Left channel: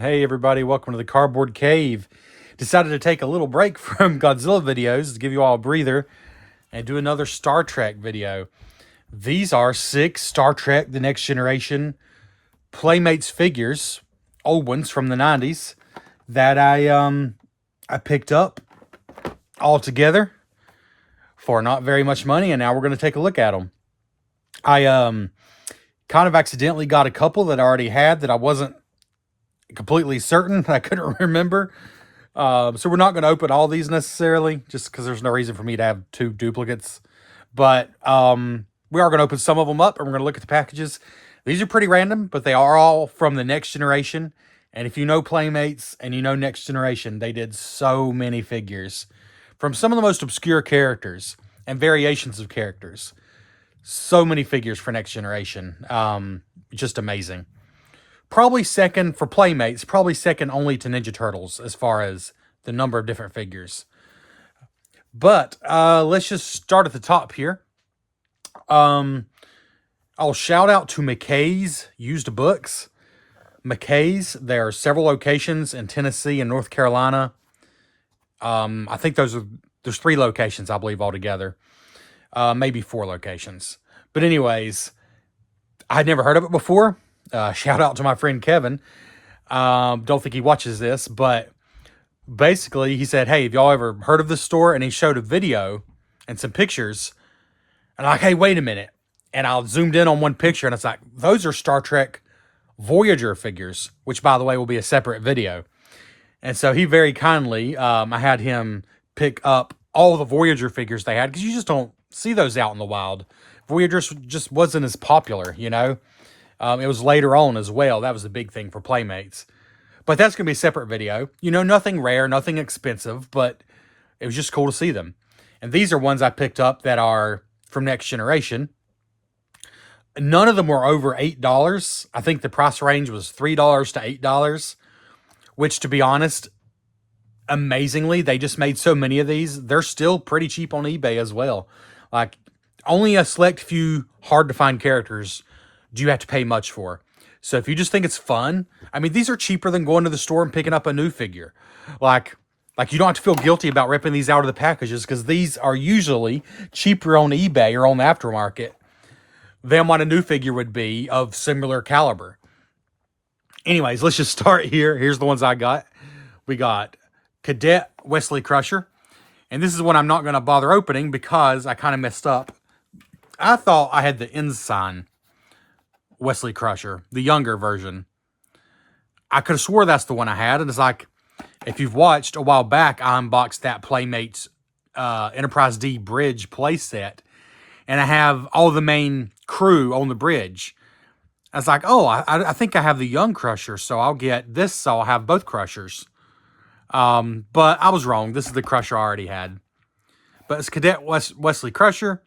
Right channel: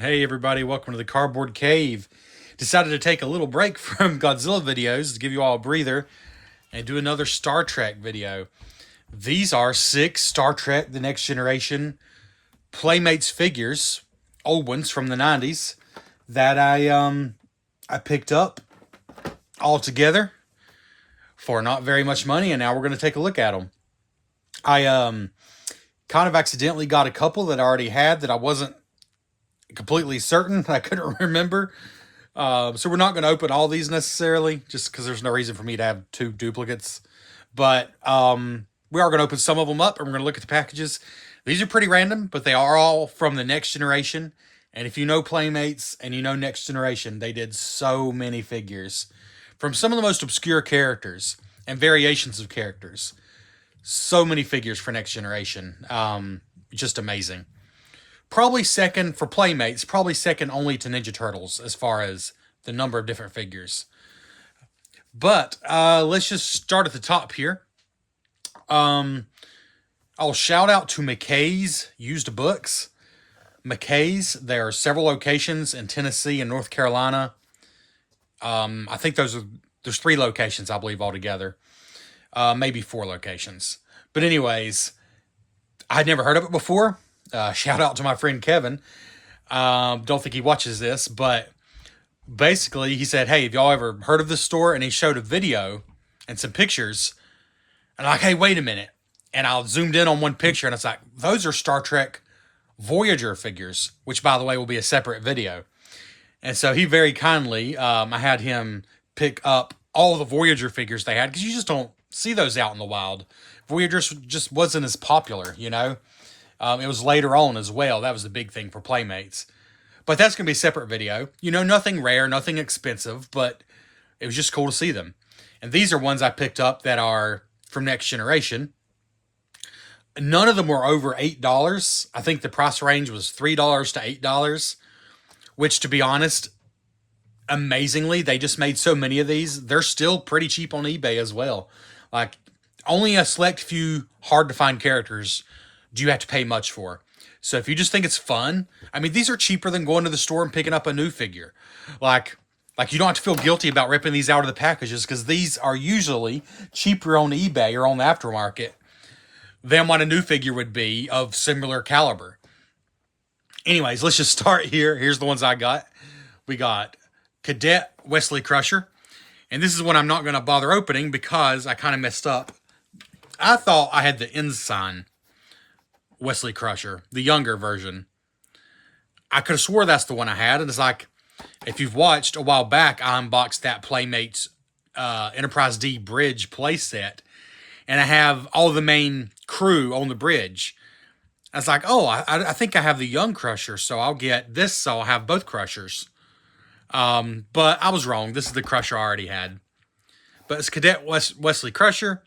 Hey everybody, welcome to the Cardboard Cave. Decided to take a little break from Godzilla videos to give you all a breather and do another Star Trek video. These are 6 Star Trek The Next Generation Playmates figures, old ones from the 90s, that I picked up all together for not very much money, and now we're going to take a look at them. I kind of accidentally got a couple that I already had that I wasn't completely certain. I couldn't remember. So we're not going to open all these necessarily, just because there's no reason for me to have 2 duplicates. But we are going to open some of them up, and we're going to look at the packages. These are pretty random, but they are all from the Next Generation. And if you know Playmates and you know Next Generation, they did so many figures from some of the most obscure characters and variations of characters. So many figures for Next Generation. Just amazing. Probably second for Playmates, probably second only to Ninja Turtles as far as the number of different figures. But let's just start at the top here. I'll shout out to McKay's Used Books. McKay's, there are several locations in Tennessee and North Carolina. I think there's 3 locations, I believe, altogether. Maybe 4 locations. But anyways, I had never heard of it before. Shout out to my friend Kevin. Don't think he watches this, but basically he said, hey, have y'all ever heard of this store? And he showed a video and some pictures. And I'm like, hey, wait a minute. And I zoomed in on one picture and it's like, those are Star Trek Voyager figures, which by the way will be a separate video. And so he very kindly, I had him pick up all the Voyager figures they had, because you just don't see those out in the wild. Voyager just wasn't as popular, you know. It was later on as well. That was the big thing for Playmates. But that's going to be a separate video. You know, nothing rare, nothing expensive, but it was just cool to see them. And these are ones I picked up that are from Next Generation. None of them were over $8. I think the price range was $3 to $8, which, to be honest, amazingly, they just made so many of these. They're still pretty cheap on eBay as well. Like, only a select few hard-to-find characters do you have to pay much for. So if you just think it's fun, I mean, these are cheaper than going to the store and picking up a new figure. Like you don't have to feel guilty about ripping these out of the packages, because these are usually cheaper on eBay or on the aftermarket than what a new figure would be of similar caliber. Anyways, let's just start here. Here's the ones I got. We got Cadet Wesley Crusher. And this is one I'm not going to bother opening because I kind of messed up. I thought I had the Ensign Wesley Crusher, the younger version. I could have swore that's the one I had. And it's like, if you've watched a while back, I unboxed that Playmates Enterprise D bridge playset. And I have all the main crew on the bridge. I was like, oh, I think I have the young Crusher, so I'll get this, so I'll have both Crushers. But I was wrong. This is the Crusher I already had. But it's Cadet Wesley Crusher.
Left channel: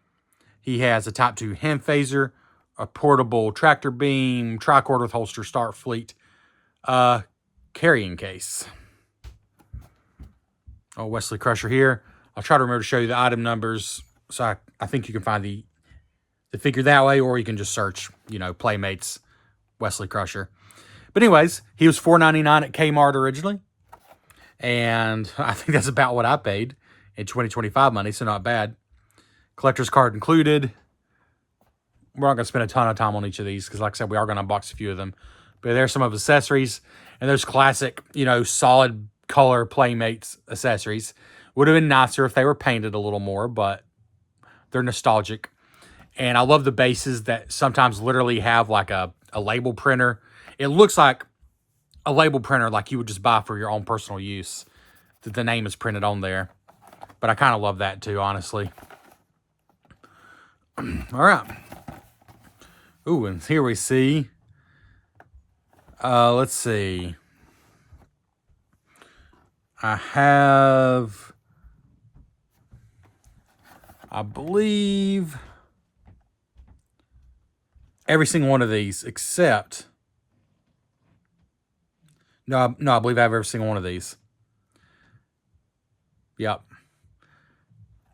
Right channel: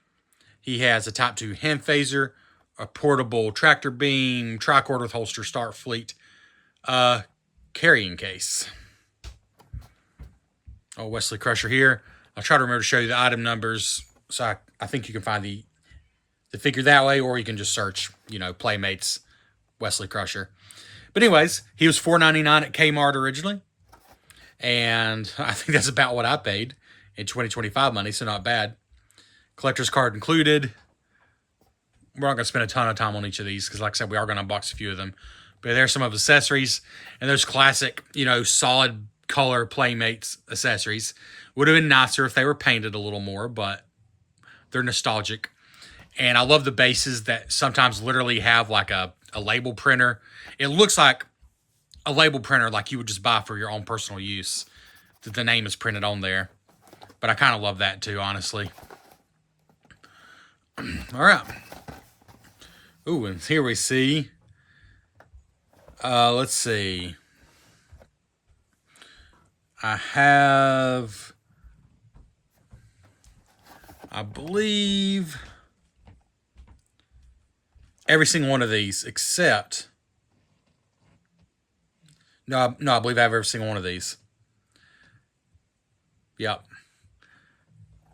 He has a Type 2 hand phaser, a portable tractor beam, tricorder with holster, Starfleet carrying case. Oh, Wesley Crusher here. I'll try to remember to show you the item numbers. So I think you can find the figure that way, or you can just search, you know, Playmates Wesley Crusher. But anyways, he was $4.99 at Kmart originally. And I think that's about what I paid in 2025 money, so not bad. Collector's card included. We're not going to spend a ton of time on each of these because, like I said, we are going to unbox a few of them. But there's some of the accessories. And there's classic, you know, solid color Playmates accessories. Would have been nicer if they were painted a little more, but they're nostalgic. And I love the bases that sometimes literally have like a label printer. It looks like a label printer like you would just buy for your own personal use. That the name is printed on there. But I kind of love that too, honestly. All right. Ooh, and here we see, let's see. I believe, every single one of these except, no, I believe I have every single one of these. Yep.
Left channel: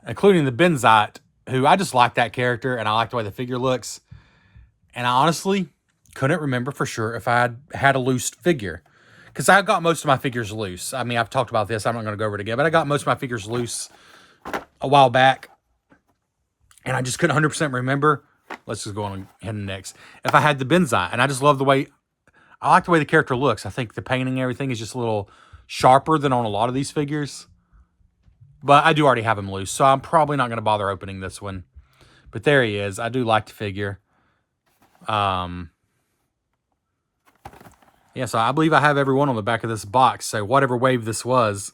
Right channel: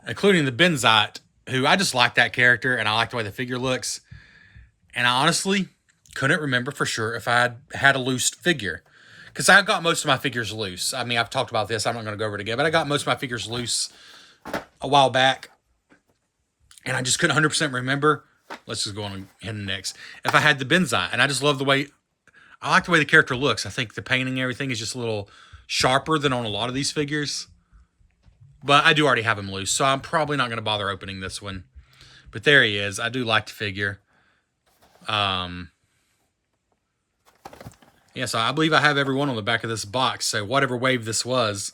Including the Benzite, who I just like that character, and I like the way the figure looks. And I honestly couldn't remember for sure if I had a loose figure. because I got most of my figures loose. I mean, I've talked about this. I'm not going to go over it again, but I got most of my figures loose a while back, and I just couldn't 100% remember. Let's just go on ahead and next. If I had the Benzai, and I just love the way, I like the way the character looks. I think the painting and everything is just a little sharper than on a lot of these figures. But I do already have him loose, so I'm probably not going to bother opening this one. But there he is. I do like the figure. Yeah, so I believe I have everyone on the back of this box. So whatever wave this was,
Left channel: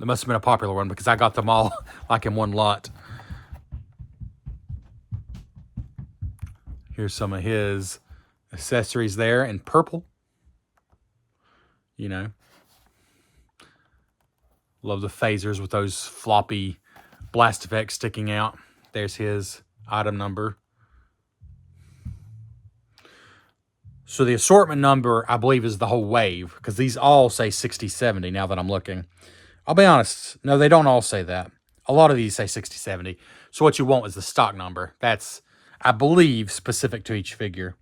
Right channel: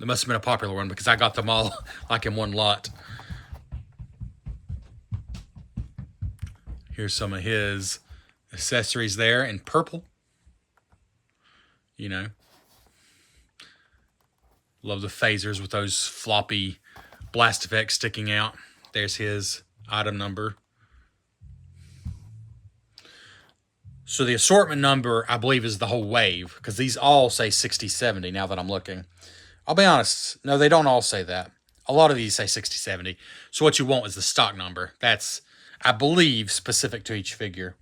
it must have been a popular one because I got them all like in one lot. Here's some of his accessories there in purple. You know. Love the phasers with those floppy blast effects sticking out. There's his item number. So the assortment number, I believe, is the whole wave, because these all say 6070 now that I'm looking. I'll be honest. No, they don't all say that. A lot of these say 6070. So what you want is the stock number. That's, I believe, specific to each figure.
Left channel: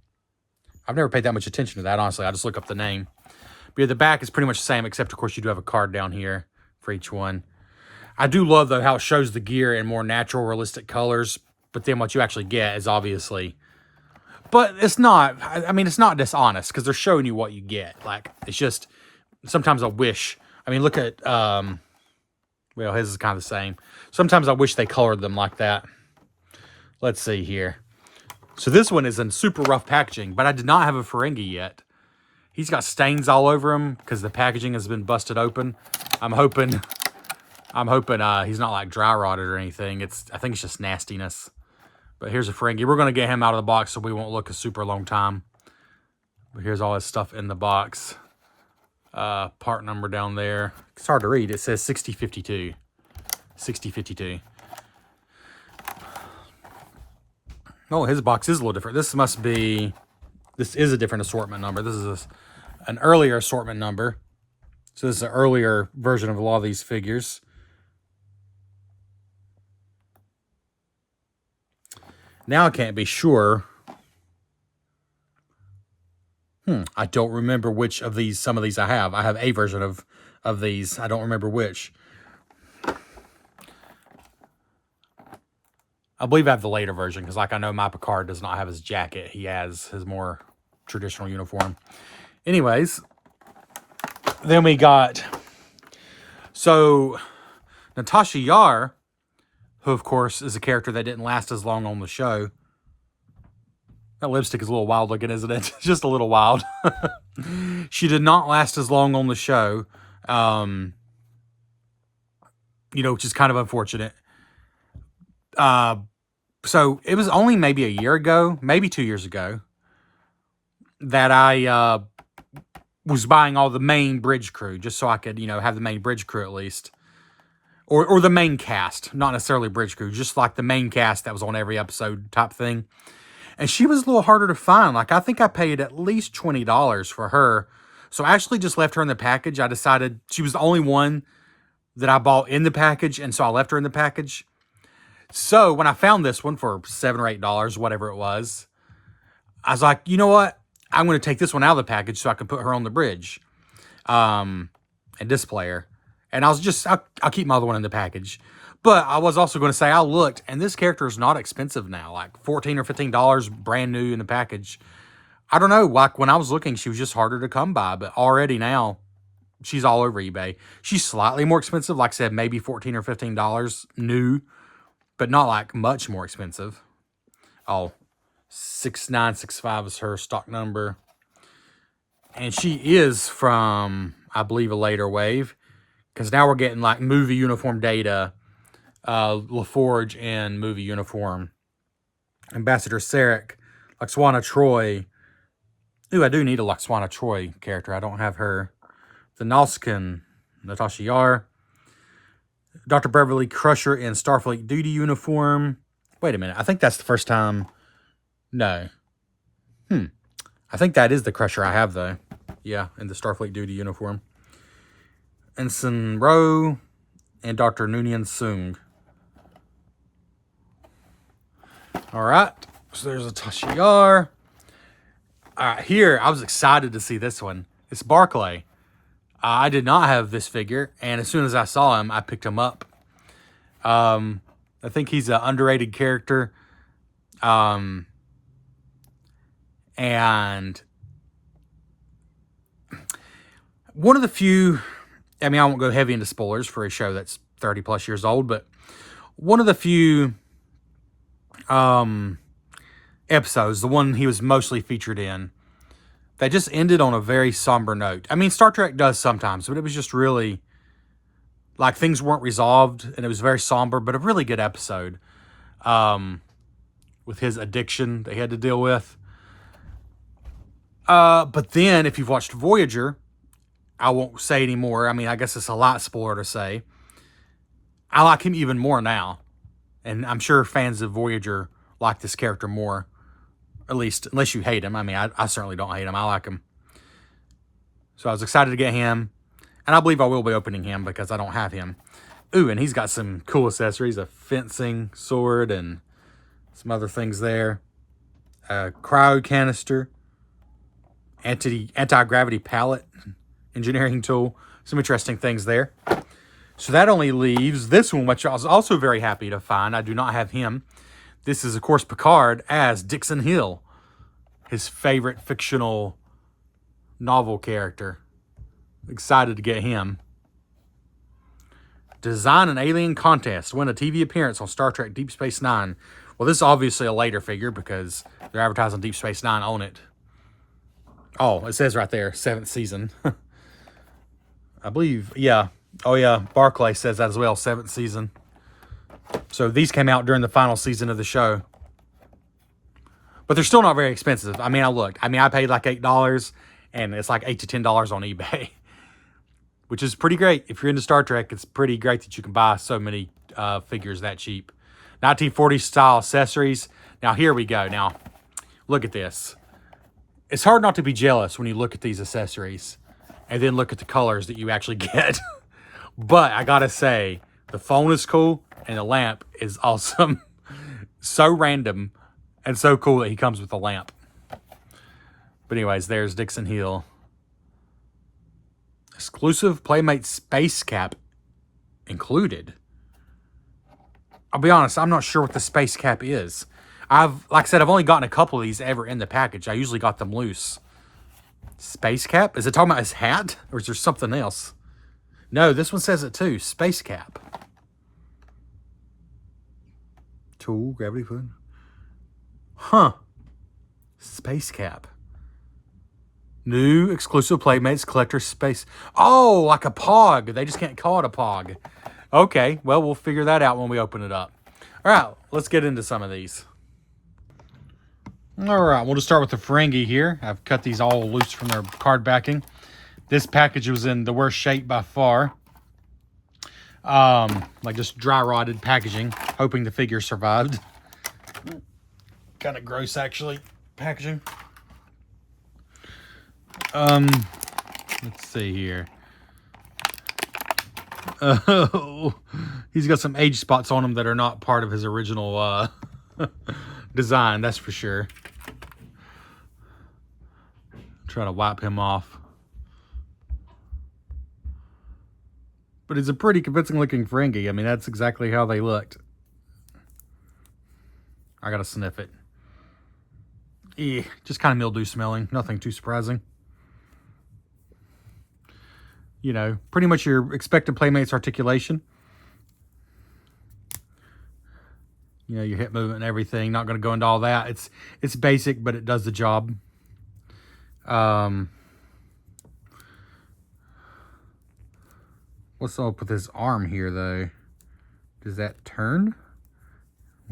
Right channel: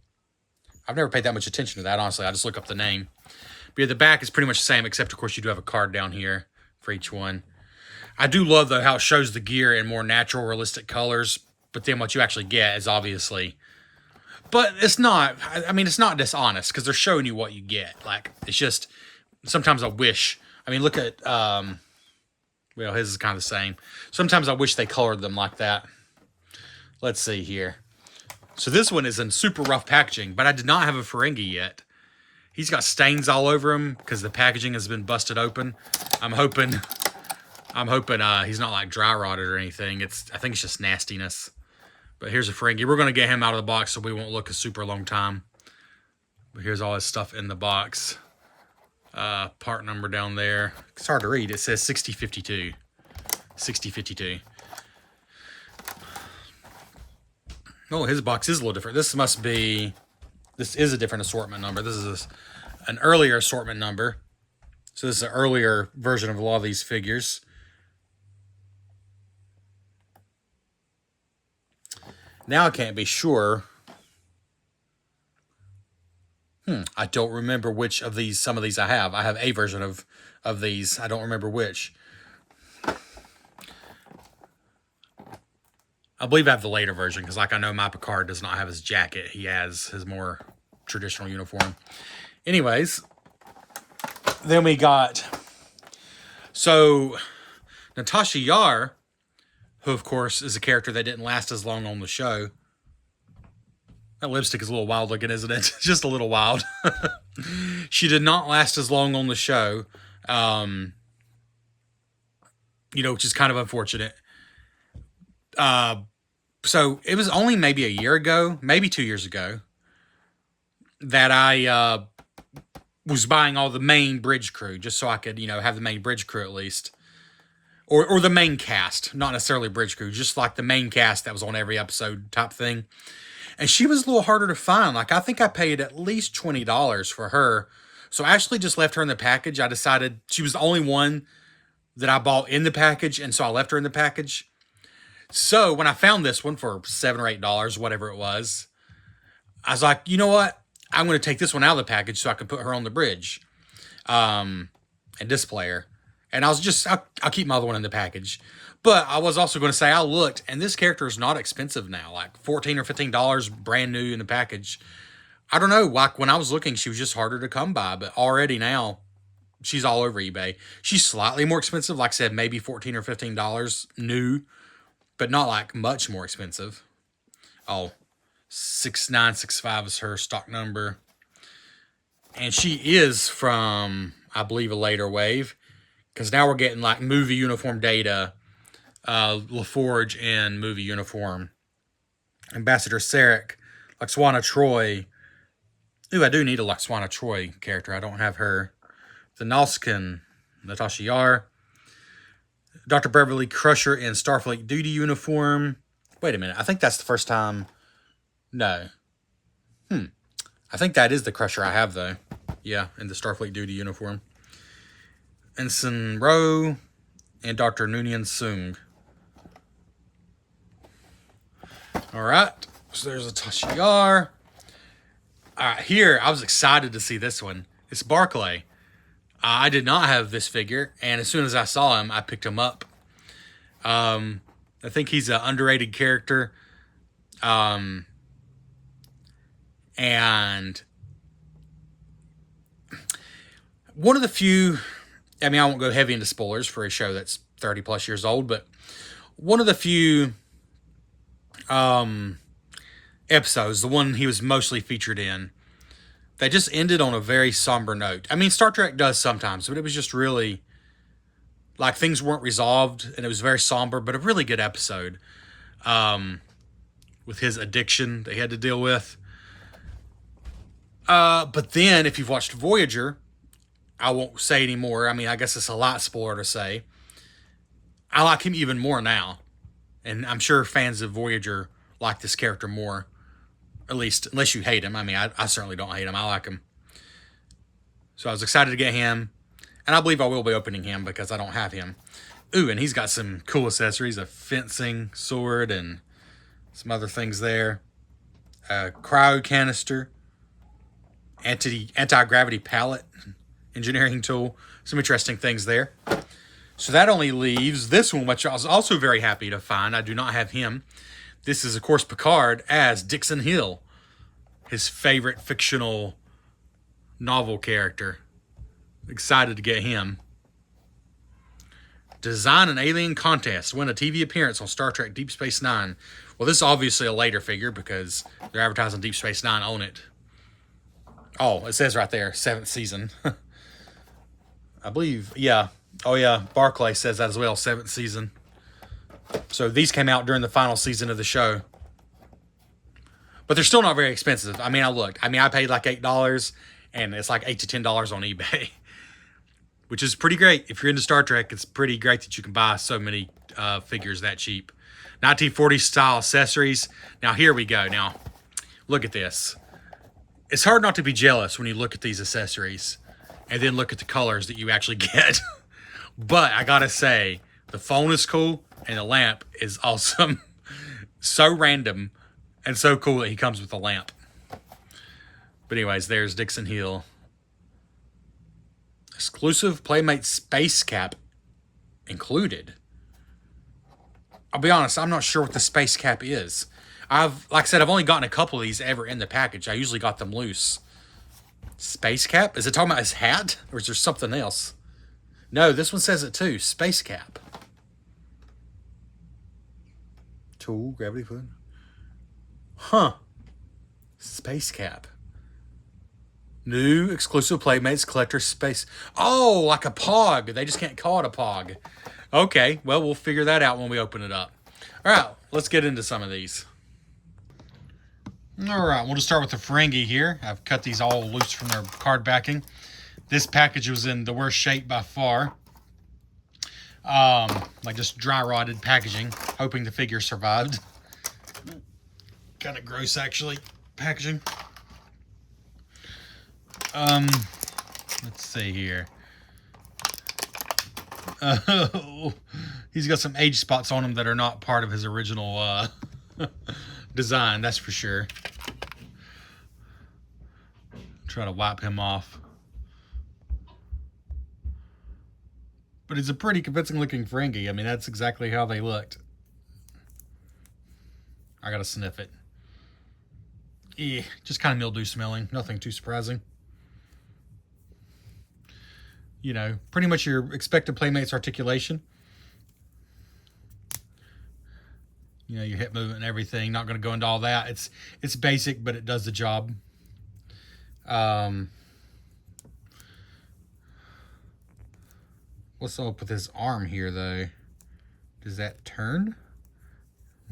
I've never paid that much attention to that, honestly. I just look up the name. But yeah, the back is pretty much the same, except, of course, you do have a card down here for each one. I do love, though, how it shows the gear in more natural, realistic colors. But then what you actually get is obviously... But it's not, I mean, it's not dishonest because they're showing you what you get. Like, it's just, sometimes I wish, I mean, look at, well, his is kind of the same. Sometimes I wish they colored them like that. Let's see here. So this one is in super rough packaging, but I did not have a Ferengi yet. He's got stains all over him because the packaging has been busted open. I'm hoping he's not like dry rotted or anything. I think it's just nastiness. But here's a Ferengi. We're going to get him out of the box so we won't look a super long time. But here's all his stuff in the box. Part number down there. It's hard to read. It says 6052. 6052. Oh, his box is a little different. This is a different assortment number. This is an earlier assortment number. So this is an earlier version of a lot of these figures. Now I can't be sure. I don't remember which of these, some of these I have. I have a version of these. I don't remember which. I believe I have the later version, because like I know my Picard does not have his jacket. He has his more traditional uniform. Anyways, then we got, so Natasha Yar, who, of course, is a character that didn't last as long on the show. That lipstick is a little wild looking, isn't it? Just a little wild. She did not last as long on the show. You know, which is kind of unfortunate. So it was only maybe a year ago, maybe 2 years ago, that I was buying all the main bridge crew, just so I could, you know, have the main bridge crew at least. Or the main cast, not necessarily bridge crew, just like the main cast that was on every episode type thing. And she was a little harder to find. Like, I think I paid at least $20 for her. So I actually just left her in the package. I decided she was the only one that I bought in the package, and so I left her in the package. So when I found this one for $7 or $8, whatever it was, I was like, you know what? I'm going to take this one out of the package so I can put her on the bridge and display her. And I'll keep my other one in the package. But I was also going to say, I looked, and this character is not expensive now. Like $14 or $15 brand new in the package. I don't know, like when I was looking, she was just harder to come by. But already now, she's all over eBay. She's slightly more expensive. Like I said, maybe $14 or $15 new. But not like much more expensive. Oh, 6965 is her stock number. And she is from, I believe, a later wave. Because now we're getting like movie uniform data, LaForge and movie uniform. Ambassador Sarek, Laxwana Troy. Ooh, I do need a Laxwana Troy character. I don't have her. The Nalskin, Natasha Yar. Dr. Beverly Crusher in Starfleet duty uniform. Wait a minute. I think that's the first time. No. I think that is the Crusher I have, though. Yeah, in the Starfleet duty uniform. Ensign Rowe and Dr. Noonien Sung. Alright, so there's a Tasha Yar. Alright, here, I was excited to see this one. It's Barclay. I did not have this figure, and as soon as I saw him, I picked him up. I think he's an underrated character. And one of the few, I mean, I won't go heavy into spoilers for a show that's 30 plus years old, but one of the few episodes, the one he was mostly featured in, that just ended on a very somber note. I mean, Star Trek does sometimes, but it was just really, like, things weren't resolved, and it was very somber, but a really good episode. With his addiction that he had to deal with. But then, if you've watched Voyager, I won't say anymore. I mean, I guess it's a lot spoiler to say. I like him even more now. And I'm sure fans of Voyager like this character more. At least, unless you hate him. I mean, I certainly don't hate him. I like him. So I was excited to get him. And I believe I will be opening him because I don't have him. Ooh, and he's got some cool accessories. A fencing sword and some other things there. A cryo canister. Anti-gravity pallet. Engineering tool. Some interesting things there. So that only leaves this one, which I was also very happy to find. I do not have him. This is, of course, Picard as Dixon Hill. His favorite fictional novel character. Excited to get him. Design an alien contest. Win a TV appearance on Star Trek Deep Space Nine. Well, this is obviously a later figure because they're advertising Deep Space Nine on it. Oh, it says right there, 7th season. I believe, yeah. Oh, yeah, Barclay says that as well, 7th season. So these came out during the final season of the show. But they're still not very expensive. I mean, I looked. I mean, I paid like $8, and it's like $8 to $10 on eBay. Which is pretty great. If you're into Star Trek, it's pretty great that you can buy so many figures that cheap. 1940s style accessories. Now, here we go. Now, look at this. It's hard not to be jealous when you look at these accessories and then look at the colors that you actually get. But I gotta say, the phone is cool and the lamp is awesome. So random and so cool that he comes with a lamp. But anyways, there's Dixon Hill. Exclusive Playmates space cap included. I'll be honest, I'm not sure what the space cap is. Like I said, I've only gotten a couple of these ever in the package. I usually got them loose. Space cap? Is it talking about his hat? Or is there something else? No, this one says it too. Space cap. Tool, gravity foot. Huh. Space cap. New exclusive Playmates collector space. Oh, like a pog. They just can't call it a pog. Okay, well, we'll figure that out when we open it up. All right, let's get into some of these. All right, we'll just start with the Ferengi here. I've cut these all loose from their card backing. This package was in the worst shape by far. Like just dry rotted packaging, hoping the figure survived. Kind of gross, actually, packaging. Let's see here. Oh, he's got some age spots on him that are not part of his original design, that's for sure. Try to wipe him off. But it's a pretty convincing looking Ferengi. I mean, that's exactly how they looked. I gotta sniff it. Just kind of mildew smelling. Nothing too surprising. You know, pretty much your expected Playmates articulation. You know, your hip movement and everything. Not going to go into all that. It's basic, but it does the job. What's up with his arm here, though? Does that turn?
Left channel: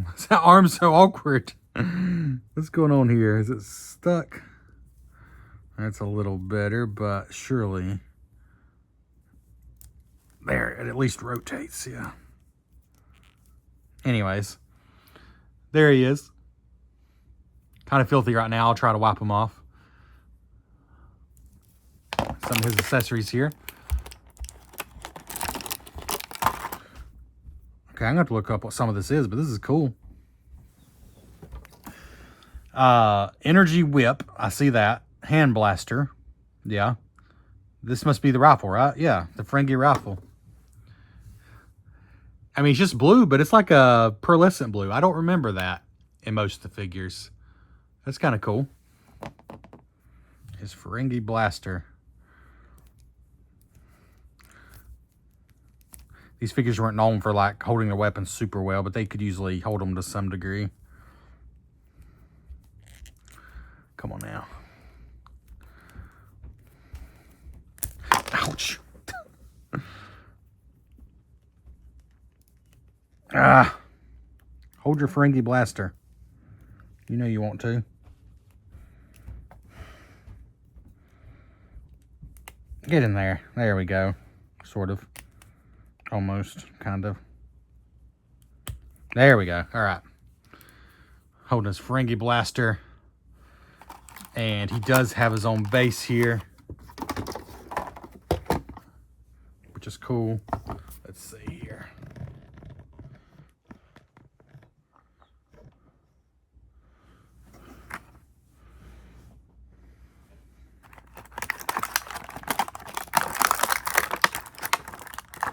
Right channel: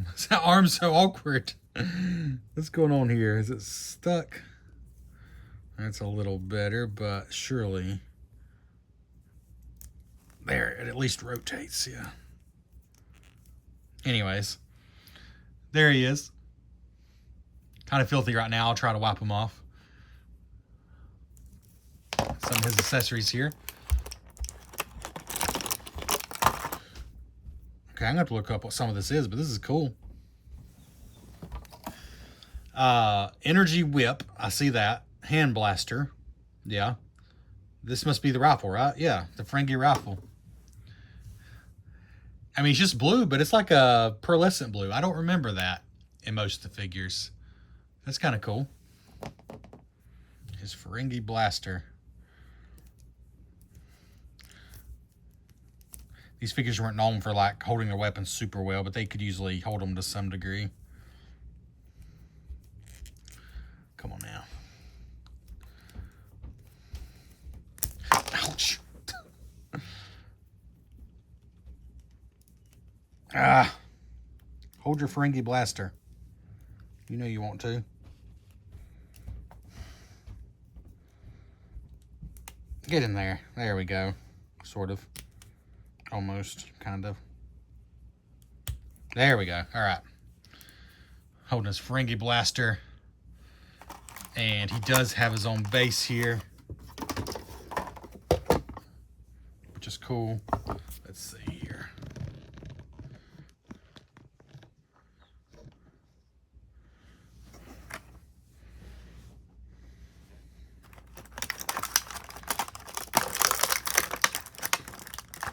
Why's that arm so awkward? What's going on here? Is it stuck? That's a little better, but surely... There, it at least rotates, yeah. Anyways, there he is. Kind of filthy right now. I'll try to wipe him off. Some of his accessories here. Okay, I'm going to have to look up what some of this is, but this is cool. Energy whip. I see that. Hand blaster. Yeah. This must be the rifle, right? Yeah, the Ferengi rifle. I mean, it's just blue, but it's like a pearlescent blue. I don't remember that in most of the figures. That's kind of cool. His Ferengi blaster. These figures weren't known for like holding their weapons super well, but they could usually hold them to some degree. Come on now. Ouch. Hold your Ferengi blaster. You know you want to. Get in there. There we go. Sort of. Almost. Kind of. There we go. Alright. Holding his Ferengi blaster. And he does have his own base here, which is cool. Let's see here.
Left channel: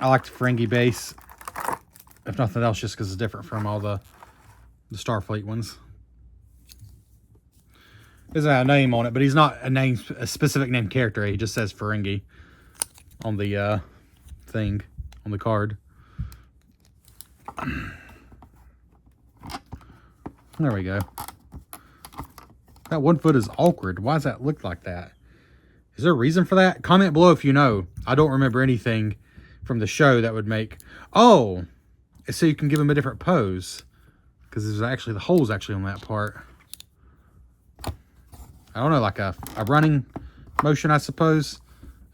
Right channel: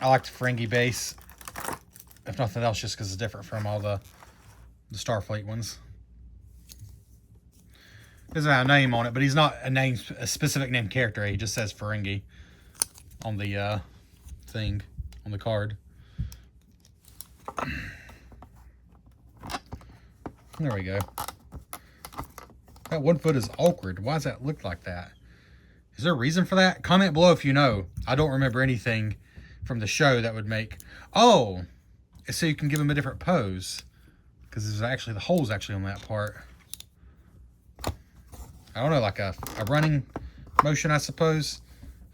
I like the Ferengi base, if nothing else, just because it's different from all the Starfleet ones. Doesn't have a name on it, but he's not a specific named character. He just says Ferengi on the thing, on the card. There we go. That one foot is awkward. Why does that look like that? Is there a reason for that? Comment below if you know. I don't remember anything from the show that would make... Oh! So you can give him a different pose. Because there's actually... The hole's actually on that part. I don't know, like a running motion, I suppose.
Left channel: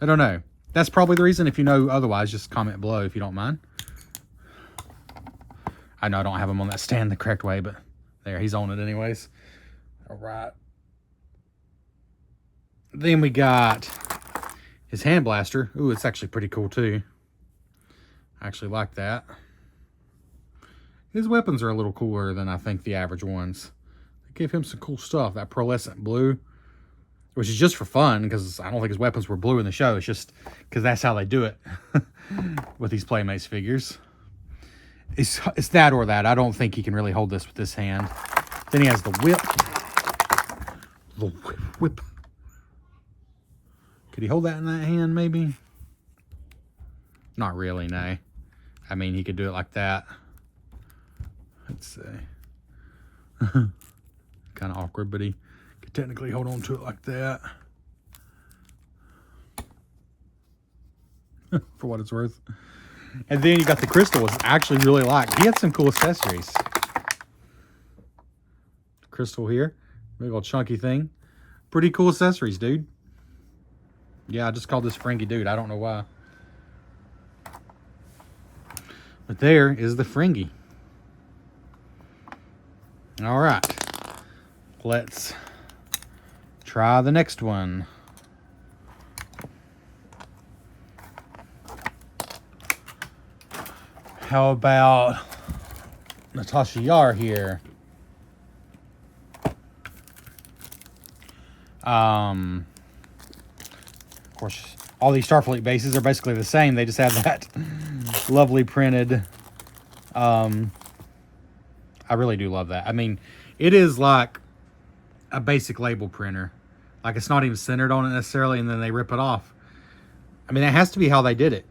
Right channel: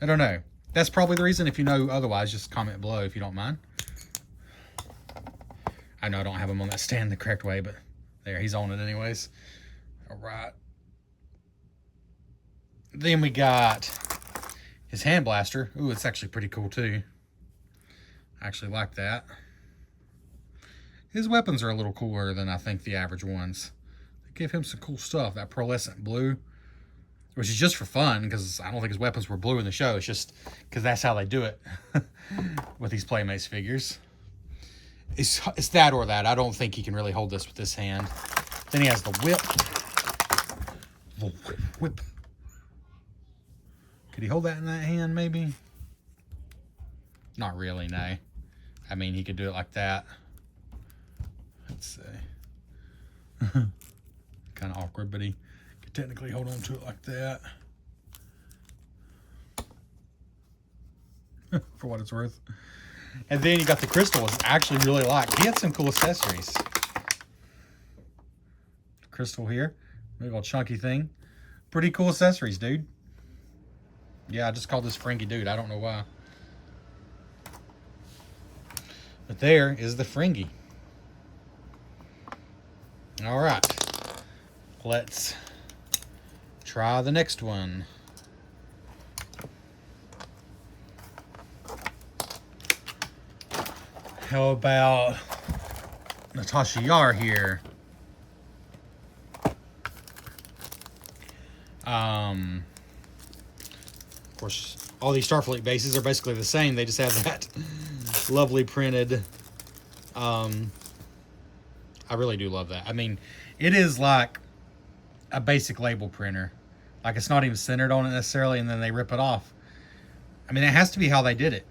I don't know. That's probably the reason. If you know otherwise, just comment below if you don't mind. I know I don't have him on that stand the correct way, but there, he's on it anyways. All right. Then we got his hand blaster. Ooh, it's actually pretty cool too. I actually like that. His weapons are a little cooler than I think the average ones. They give him some cool stuff. That pearlescent blue, which is just for fun, because I don't think his weapons were blue in the show. It's just because that's how they do it with these Playmates figures. It's that or that. I don't think he can really hold this with this hand. Then he has the whip. The whip. Could he hold that in that hand, maybe? Not really, no. I mean, he could do it like that. Let's see. Kind of awkward, but he could technically hold on to it like that. For what it's worth. And then you got the crystal, which I actually really like. He had some cool accessories. Crystal here. Big old chunky thing. Pretty cool accessories, dude. Yeah, I just called this Ferengi dude. I don't know why. But there is the Ferengi. All right. Let's try the next one. How about Natasha Yar here? Of course, all these Starfleet bases are basically the same. They just have that lovely printed. I really do love that. I mean, it is like a basic label printer. Like, it's not even centered on it necessarily, and then they rip it off. I mean, it has to be how they did it,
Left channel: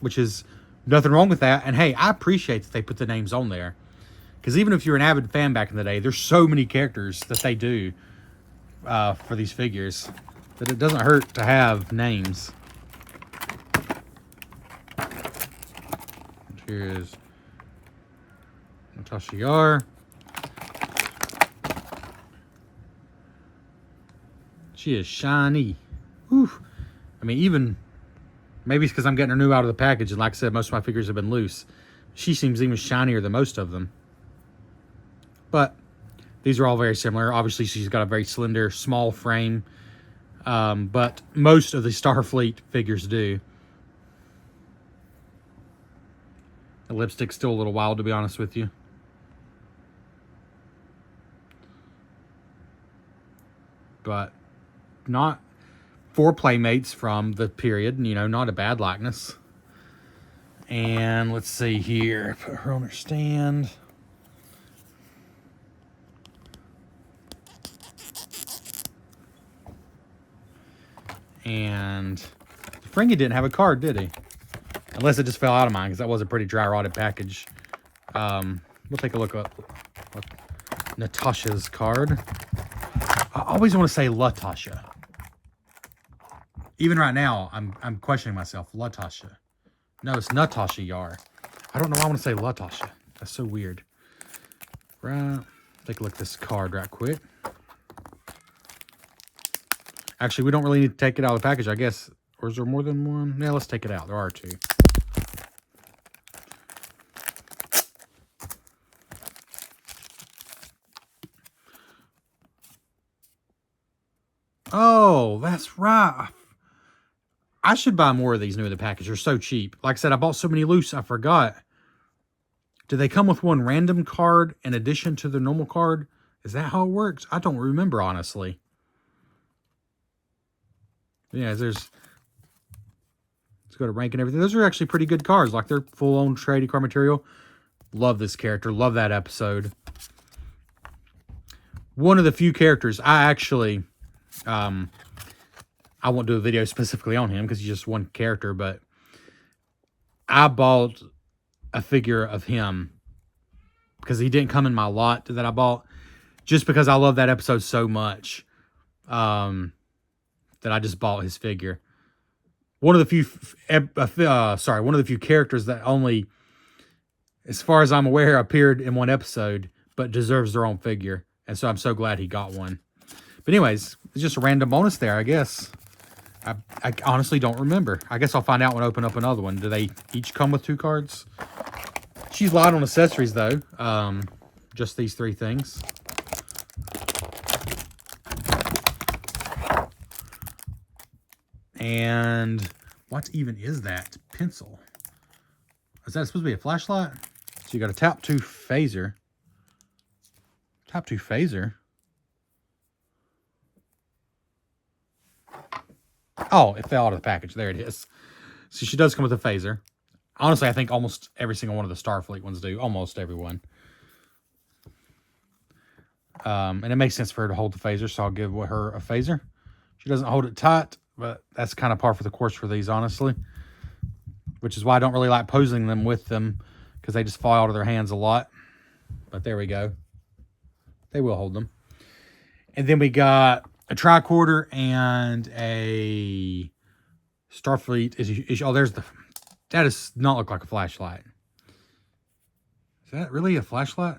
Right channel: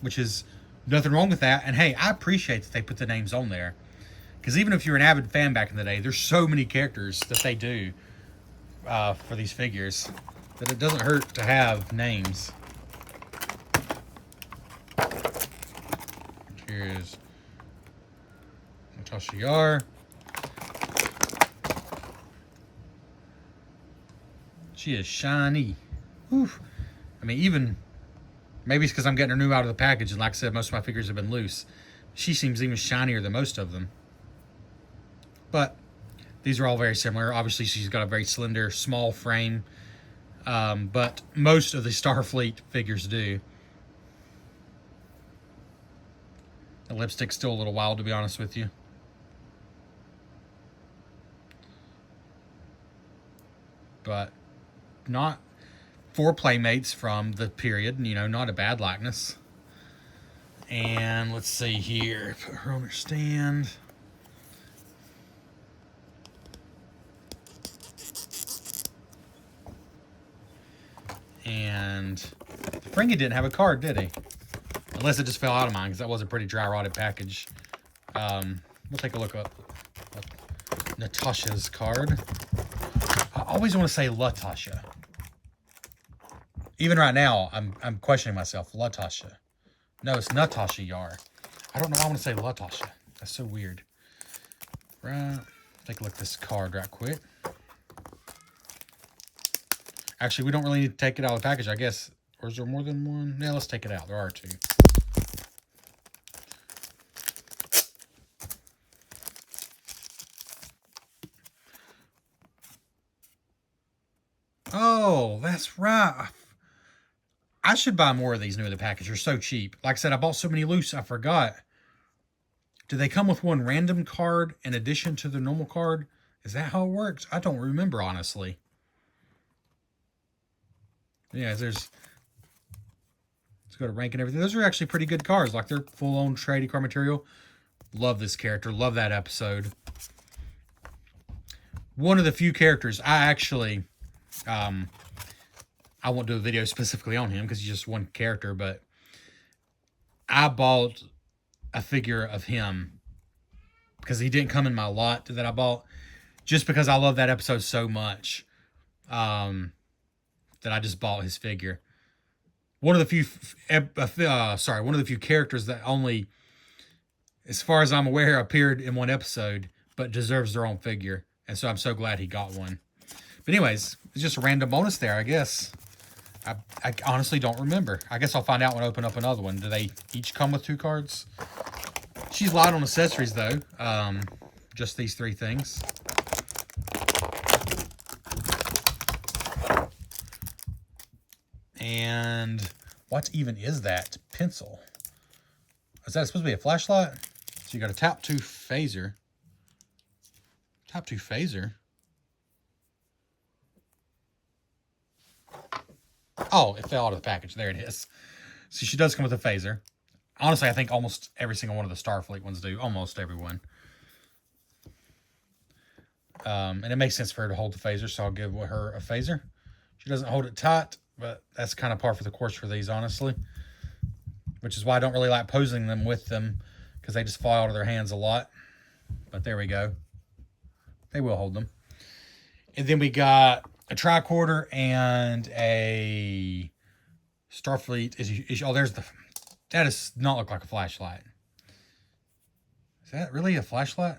which is nothing wrong with that. And hey, I appreciate that they put the names on there, because even if you're an avid fan back in the day, there's so many characters that they do for these figures that it doesn't hurt to have names. Here's Natasha Yar. She is shiny. Oof. I mean, even maybe it's because I'm getting her new out of the package, and like I said, most of my figures have been loose. She seems even shinier than most of them. But these are all very similar. Obviously, she's got a very slender, small frame. But most of the Starfleet figures do. The lipstick's still a little wild, to be honest with you. But not... 4 Playmates from the period, you know, not a bad likeness. And let's see here, put her on her stand. And Frankie didn't have a card, did he? Unless it just fell out of mine, because that was a pretty dry rotted package. We'll take a look at Natasha's card. I always want to say Latasha. Even right now, I'm questioning myself. Latasha. No, it's Natasha Yar. I don't know why I want to say Latasha. That's so weird. Right. Take a look at this card right quick. Actually, we don't really need to take it out of the package, I guess. Or is there more than one? Yeah, let's take it out. There are 2. Oh, that's right. I should buy more of these new in the package. They're so cheap. Like I said, I bought so many loose, I forgot. Do they come with one random card in addition to the normal card? Is that how it works? I don't remember, honestly. Yeah, let's go to rank and everything. Those are actually pretty good cards. Like, they're full-on trading card material. Love this character. Love that episode. One of the few characters I actually... I won't do a video specifically on him because he's just one character, but I bought a figure of him because he didn't come in my lot that I bought, just because I love that episode so much that I just bought his figure. One of the few, one of the few characters that only, as far as I'm aware, appeared in one episode, but deserves their own figure. And so I'm so glad he got one. But anyways, it's just a random bonus there, I guess. I honestly don't remember. I guess I'll find out when I open up another one. Do they each come with 2 cards? She's light on accessories, though. Just these 3 things. And what even is that? Pencil. Is that supposed to be a flashlight? So you got a tap 2 phaser. Tap 2 phaser? Oh, it fell out of the package. There it is. So she does come with a phaser. Honestly, I think almost every single one of the Starfleet ones do. Almost everyone. And it makes sense for her to hold the phaser, so I'll give her a phaser. She doesn't hold it tight, but that's kind of par for the course for these, honestly. Which is why I don't really like posing them with them, because they just fall out of their hands a lot. But there we go. They will hold them. And then we got a tricorder and a Starfleet. Oh, there's the... That does not look like a flashlight. Is that really a flashlight?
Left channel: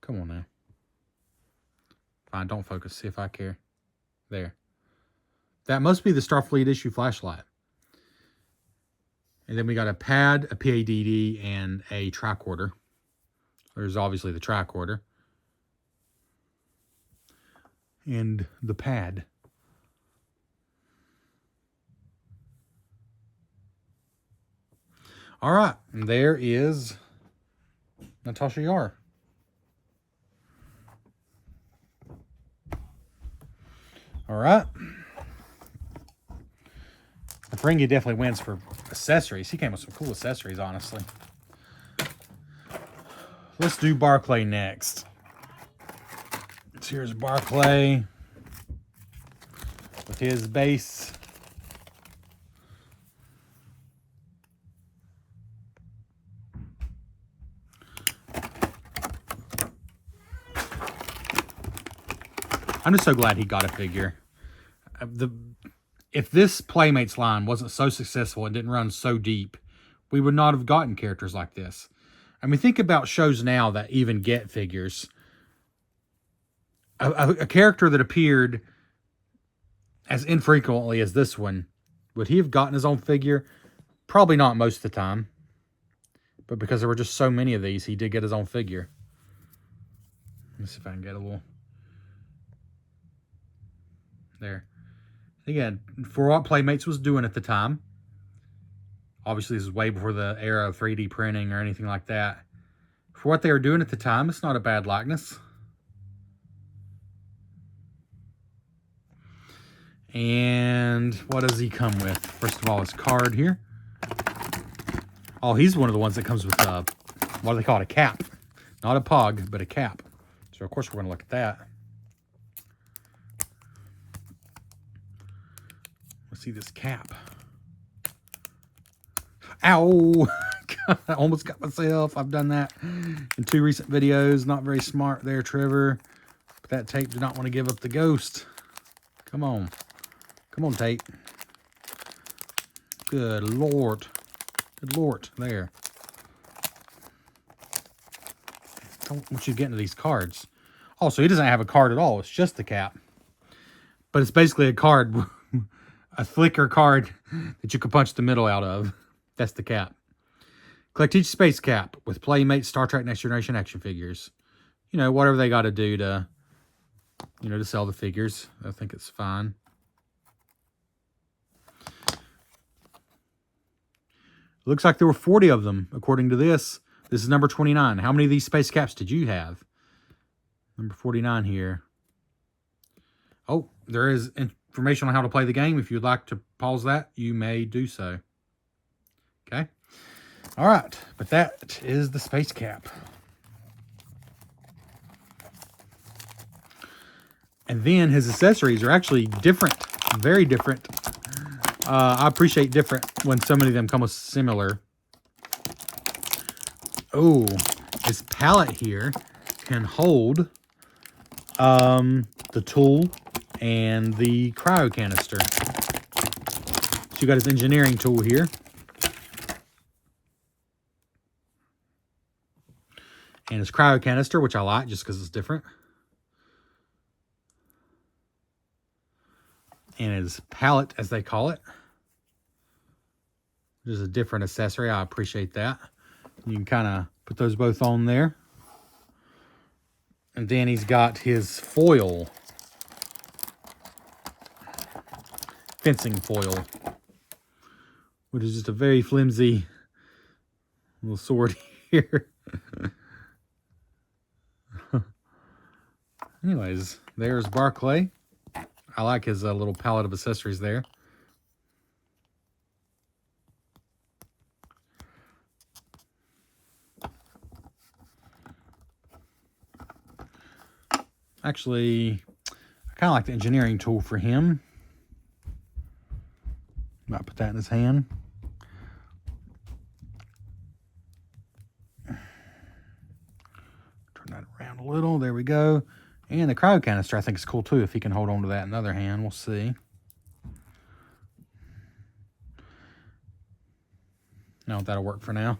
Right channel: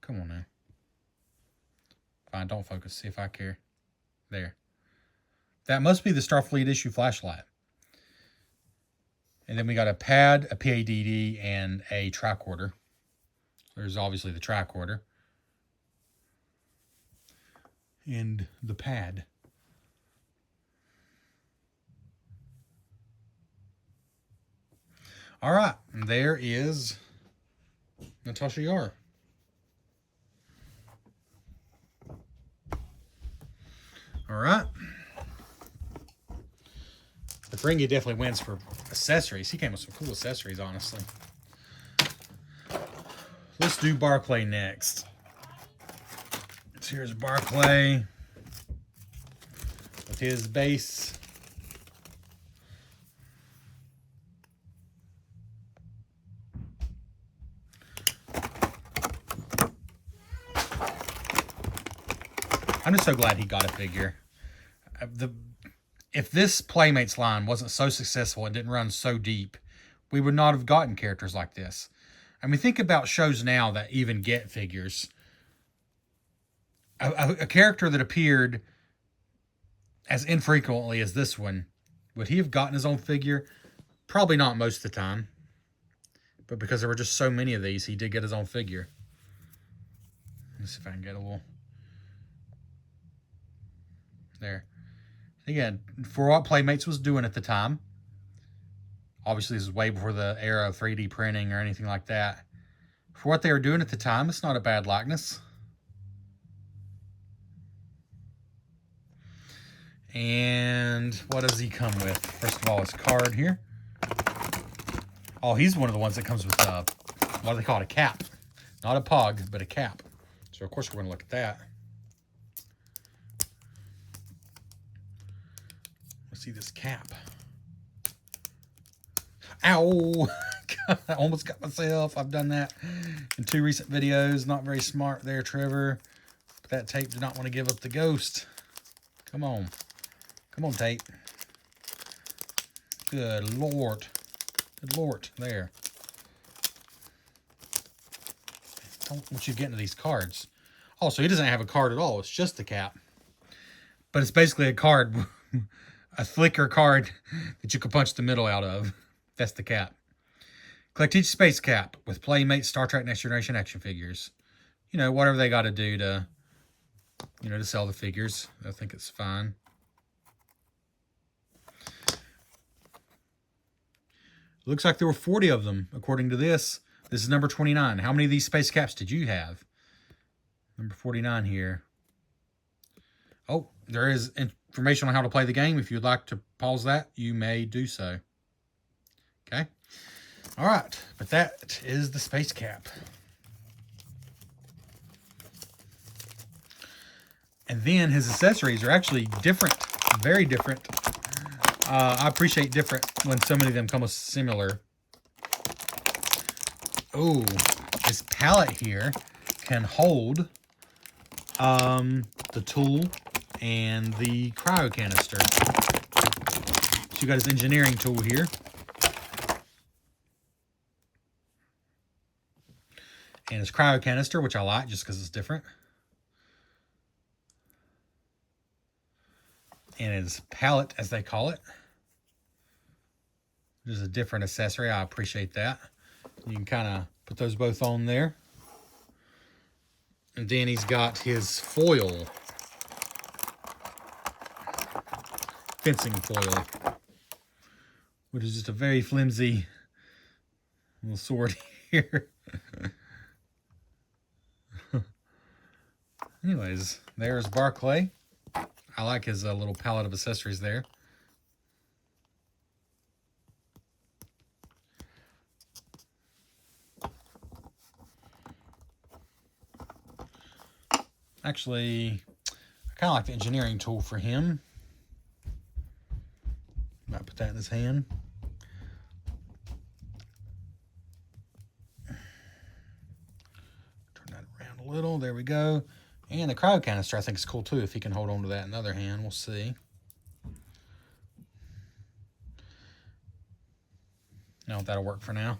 Come on now. Fine, don't focus. See if I care. There. That must be the Starfleet issue flashlight. And then we got a pad, a PADD, and a tricorder. There's obviously the tricorder. And the pad. All right, and there is Natasha Yar. All right. Ferengi definitely wins for accessories. He came with some cool accessories, honestly. Let's do Barclay next. So here's Barclay with his base. I'm just so glad he got a figure. If this Playmates line wasn't so successful and didn't run so deep, we would not have gotten characters like this. I mean, think about shows now that even get figures. A character that appeared as infrequently as this one, would he have gotten his own figure? Probably not most of the time. But because there were just so many of these, he did get his own figure. Let's see if I can get a little... There. Again, for what Playmates was doing at the time, obviously this is way before the era of 3D printing or anything like that. For what they were doing at the time, it's not a bad likeness. And what does he come with? First of all, his card here. Oh, he's one of the ones that comes with a, what do they call it? A cap. Not a pog, but a cap. So, of course, we're going to look at that. Let's see this cap. Ow! I almost got myself. I've done that in 2 recent videos. Not very smart there, Trevor. But that tape did not want to give up the ghost. Come on. Come on, tape. Good Lord. Good Lord. There. I don't want you to get into these cards. Also, he doesn't have a card at all. It's just the cap. But it's basically a card. A flicker card that you can punch the middle out of. That's the cap. Collect each space cap with Playmates Star Trek Next Generation action figures. You know, whatever they got to do to, you know, to sell the figures. I think it's fine. Looks like there were 40 of them, according to this. This is number 29. How many of these space caps did you have? Number 49 here. Oh, there is information on how to play the game. If you'd like to pause that, you may do so. Okay. All right. But that is the space cap. And then his accessories are actually different. Very different. I appreciate different when so many of them come with similar. Oh, this pallet here can hold the tool and the cryo canister. So you got his engineering tool here. And his cryo canister, which I like just because it's different. And his pallet, as they call it. There's a different accessory. I appreciate that. You can kind of put those both on there. And then he's got his foil. Fencing foil. Which is just a very flimsy little sword here. Anyways, there's Barclay. I like his little palette of accessories there. Actually, I kind of like the engineering tool for him. Might put that in his hand. Turn that around a little. There we go. And the cryo canister I think is cool too if he can hold on to that in the other hand. We'll see. No, that'll work for now.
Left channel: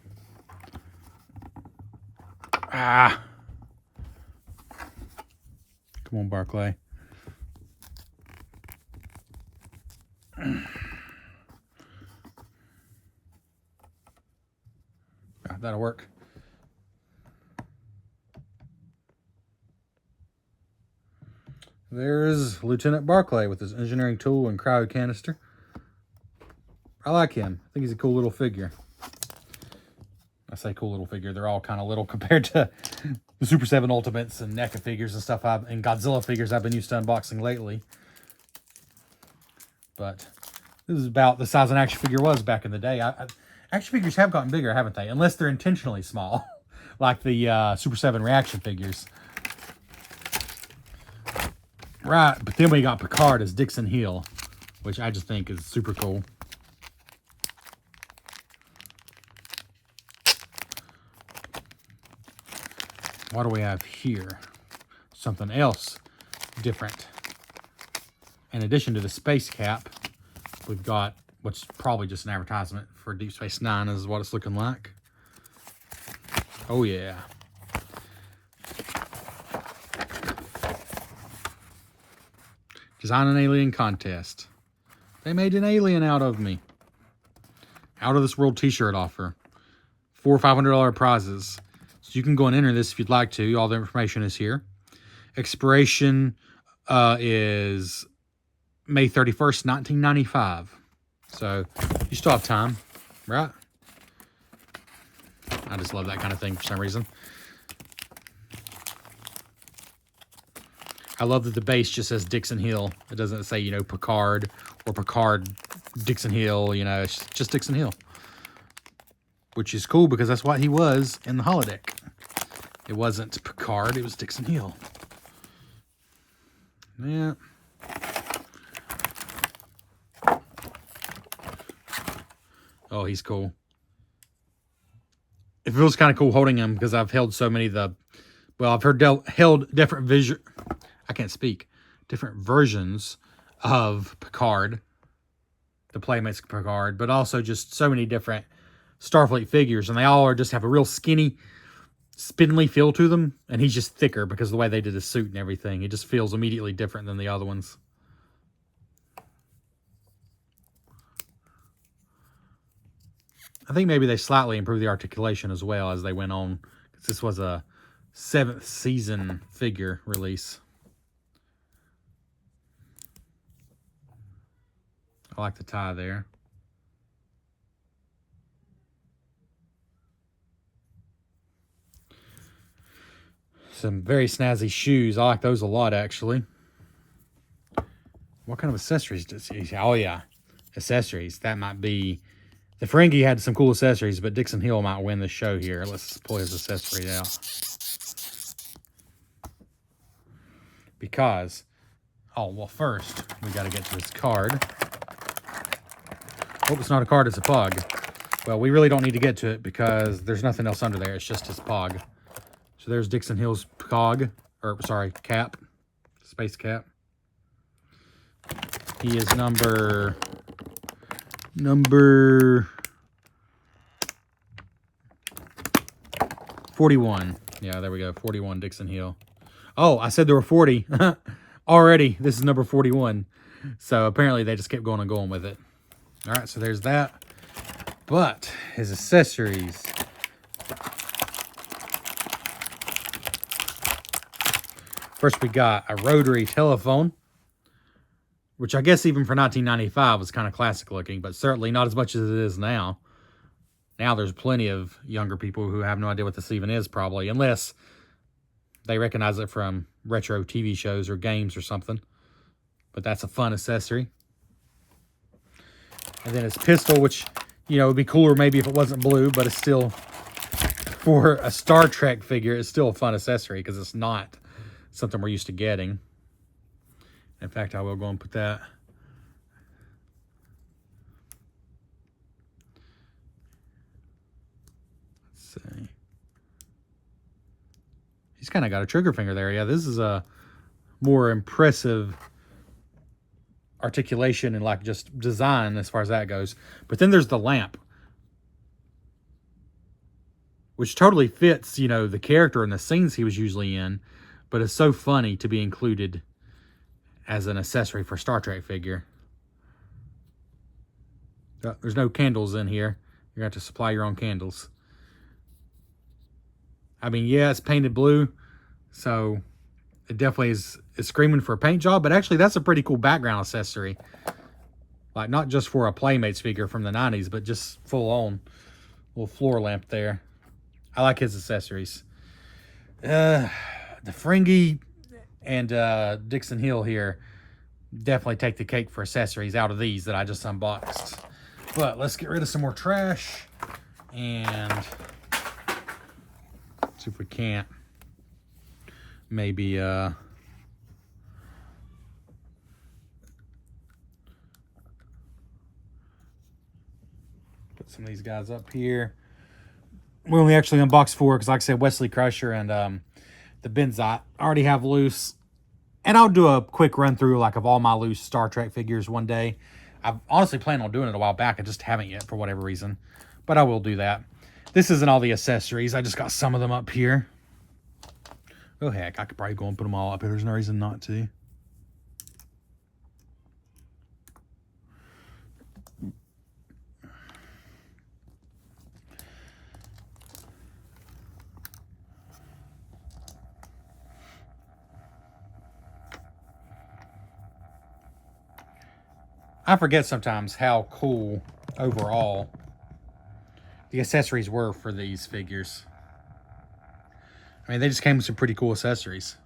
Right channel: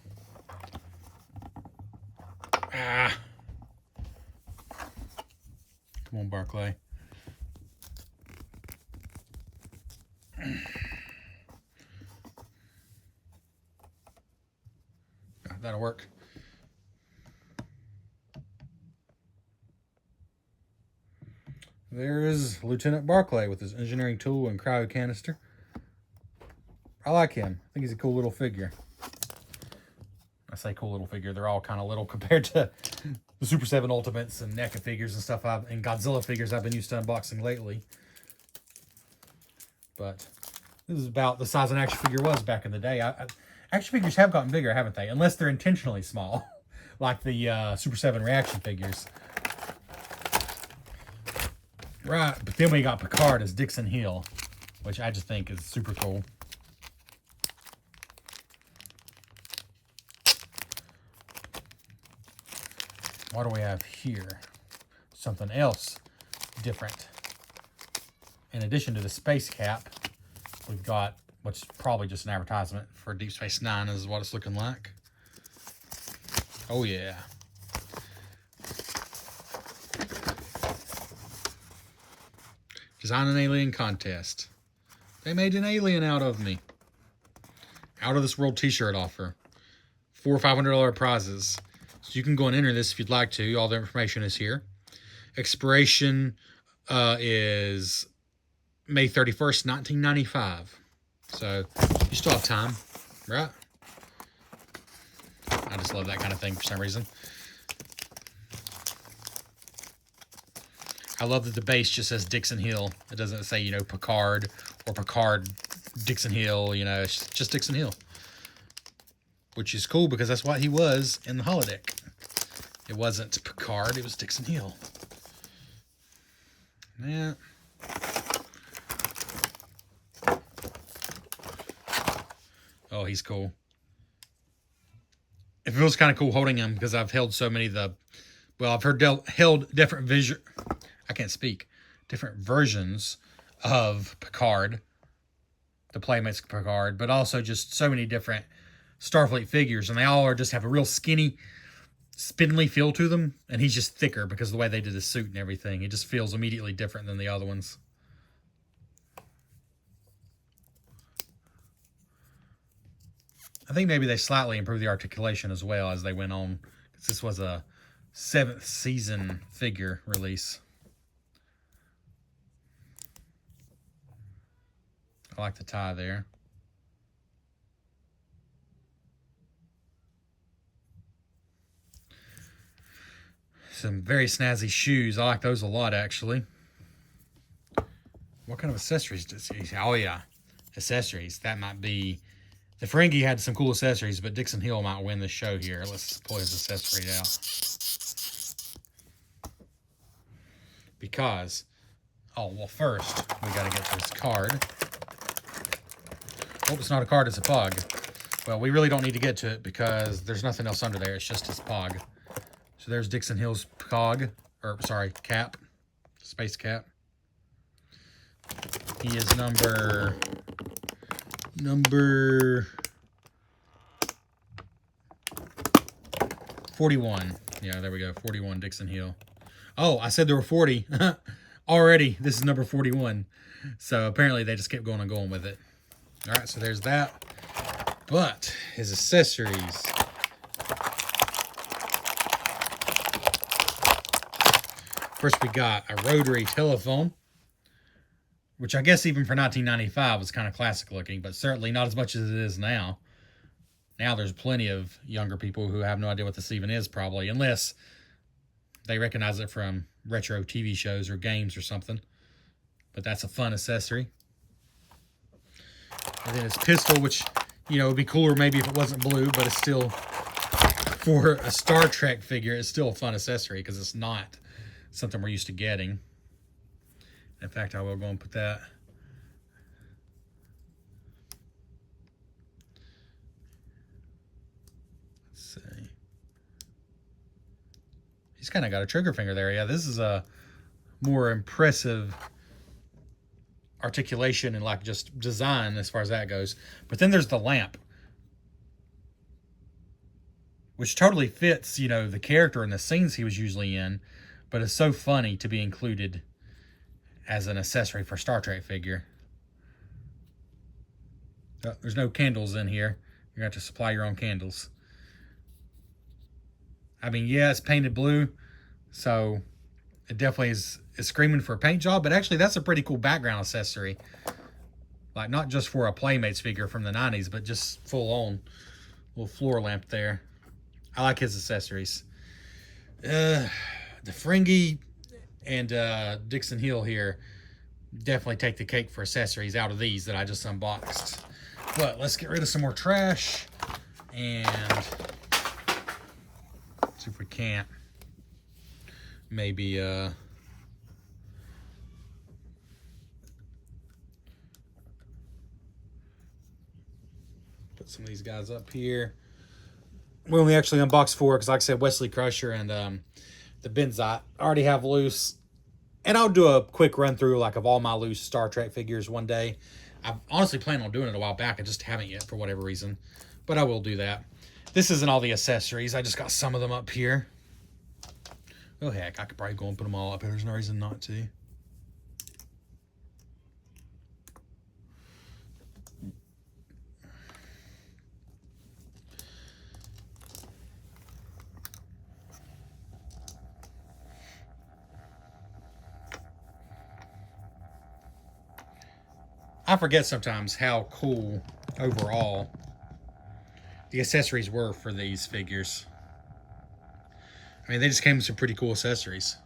Ah. Come on, Barclay. That'll work. There's Lieutenant Barclay with his engineering tool and cryo canister. I like him. I think he's a cool little figure. I say cool little figure. They're all kind of little compared to the Super 7 Ultimates and NECA figures and stuff and Godzilla figures I've been used to unboxing lately. But this is about the size an action figure was back in the day. Action figures have gotten bigger, haven't they? Unless they're intentionally small, like the Super 7 reaction figures. Right, but then we got Picard as Dixon Hill, which I just think is super cool. What do we have here? Something else different. In addition to the space cap, we've got what's probably just an advertisement for Deep Space Nine is what it's looking like. Oh yeah. Design an alien contest. They made an alien out of me. Out of this world t-shirt offer. $400 or $500 prizes. So you can go and enter this if you'd like to. All the information is here. Expiration is May 31st, 1995. So you still have time, right? I just love that kind of thing for some reason. I love that the base just says Dixon Hill. It doesn't say, you know, Picard or Picard Dixon Hill. You know, it's just Dixon Hill. Which is cool because that's what he was in the holodeck. It wasn't Picard, it was Dixon Hill. Yeah. Oh, he's cool. It feels kind of cool holding him because I've held so many of the... Well, I've held different different versions of Picard, the Playmates Picard, but also just so many different Starfleet figures, and they all just have a real skinny, spindly feel to them, and he's just thicker because of the way they did his suit and everything. It just feels immediately different than the other ones. I think maybe they slightly improved the articulation as well as they went on, because this was a 7th season figure release. I like the tie there. Some very snazzy shoes. I like those a lot, actually. What kind of accessories does he have? Oh, yeah. Accessories. That might be... The Ferengi had some cool accessories, but Dixon Hill might win the show here. Let's pull his accessory out. Because... Oh, well, first, we got to get to this card. Hope it's not a card, it's a pog. Well, we really don't need to get to it because there's nothing else under there. It's just his pog. So there's Dixon Hill's cog, or sorry, cap, space cap. He is number 41. Yeah, there we go, 41 Dixon Hill. Oh, I said there were 40 already. This is number 41. So apparently they just kept going and going with it. All right, so there's that. But his accessories. First, we got a rotary telephone, which I guess even for 1995 was kind of classic looking, but certainly not as much as it is now. Now there's plenty of younger people who have no idea what this even is, probably, unless they recognize it from retro TV shows or games or something. But that's a fun accessory. And then his pistol, which, you know, would be cooler maybe if it wasn't blue, but it's still, for a Star Trek figure, it's still a fun accessory because it's not something we're used to getting. In fact, I will go and put that. Let's see. He's kind of got a trigger finger there. Yeah, this is a more impressive articulation and like just design as far as that goes. But then there's the lamp, which totally fits, you know, the character and the scenes he was usually in, but it's so funny to be included as an accessory for a Star Trek figure. There's no candles in here. You're going to have to supply your own candles. I mean, yeah, it's painted blue, so it definitely is screaming for a paint job, but actually that's a pretty cool background accessory. Like, not just for a Playmates figure from the 90s, but just full on little floor lamp there. I like his accessories. The Ferengi and Dixon Hill here definitely take the cake for accessories out of these that I just unboxed. But let's get rid of some more trash and see if we can't maybe put some of these guys up here. We only actually unboxed 4 because, like I said, Wesley Crusher and the Benzite I already have loose. And I'll do a quick run through like of all my loose Star Trek figures one day. I've honestly planned on doing it a while back. I just haven't yet for whatever reason. But I will do that. This isn't all the accessories. I just got some of them up here. Oh, heck. I could probably go and put them all up here. There's no reason not to. I forget sometimes how cool overall the accessories were for these figures. I mean, they just came with some pretty cool accessories.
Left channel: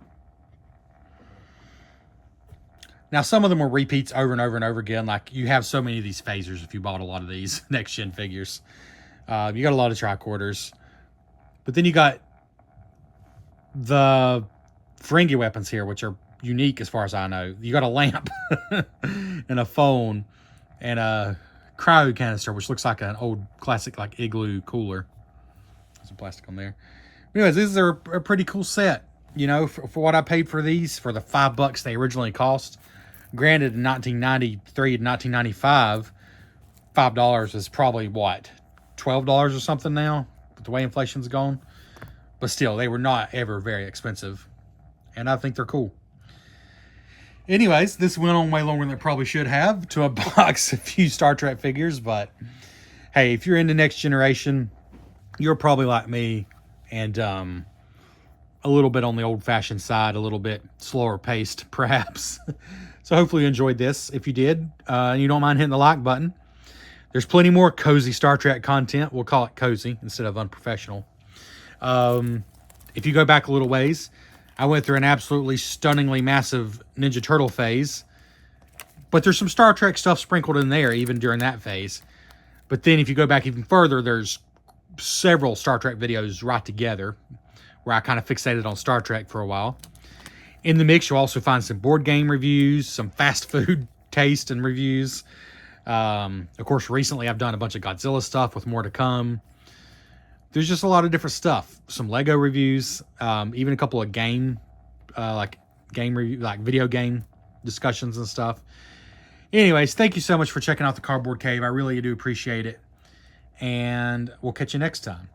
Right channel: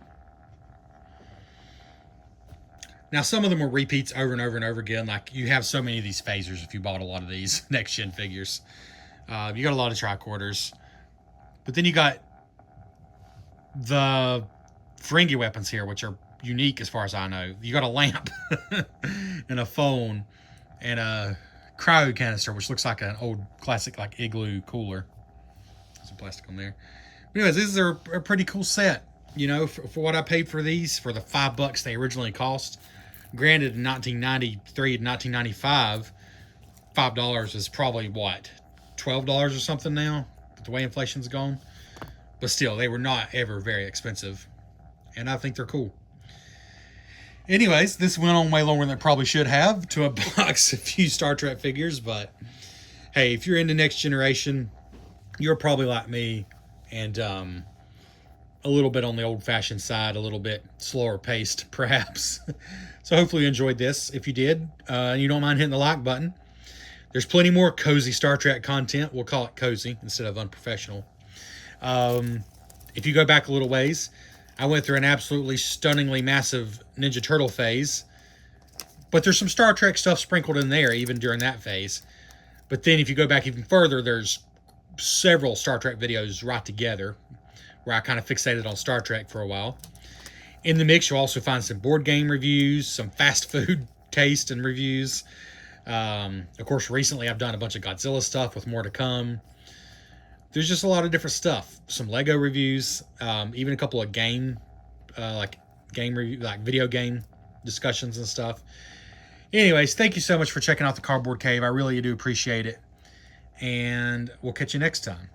Now, some of them were repeats over and over and over again. Like, you have so many of these phasers if you bought a lot of these next-gen figures. You got a lot of tricorders. But then you got the Ferengi weapons here, which are unique as far as I know. You got a lamp and a phone and a cryo canister, which looks like an old classic like igloo cooler. Some plastic on there. Anyways, these are a pretty cool set. You know, for what I paid for these, for the $5 they originally cost. Granted, in 1993 and 1995, $5 is probably what, $12 or something now, with the way inflation's gone. But still, they were not ever very expensive, and I think they're cool. Anyways, this went on way longer than it probably should have to unbox a few Star Trek figures. But hey, if you're into Next Generation, you're probably like me, and a little bit on the old-fashioned side, a little bit slower paced, perhaps. So hopefully you enjoyed this. If you did, and you don't mind hitting the like button, there's plenty more cozy Star Trek content. We'll call it cozy instead of unprofessional. If you go back a little ways, I went through an absolutely stunningly massive Ninja Turtle phase. But there's some Star Trek stuff sprinkled in there, even during that phase. But then if you go back even further, there's several Star Trek videos right together, where I kind of fixated on Star Trek for a while. In the mix, you'll also find some board game reviews, some fast food taste and reviews. Of course, recently I've done a bunch of Godzilla stuff with more to come. There's just a lot of different stuff. Some Lego reviews, even a couple of video game discussions and stuff. Anyways, thank you so much for checking out the Cardboard Cave. I really do appreciate it. And we'll catch you next time.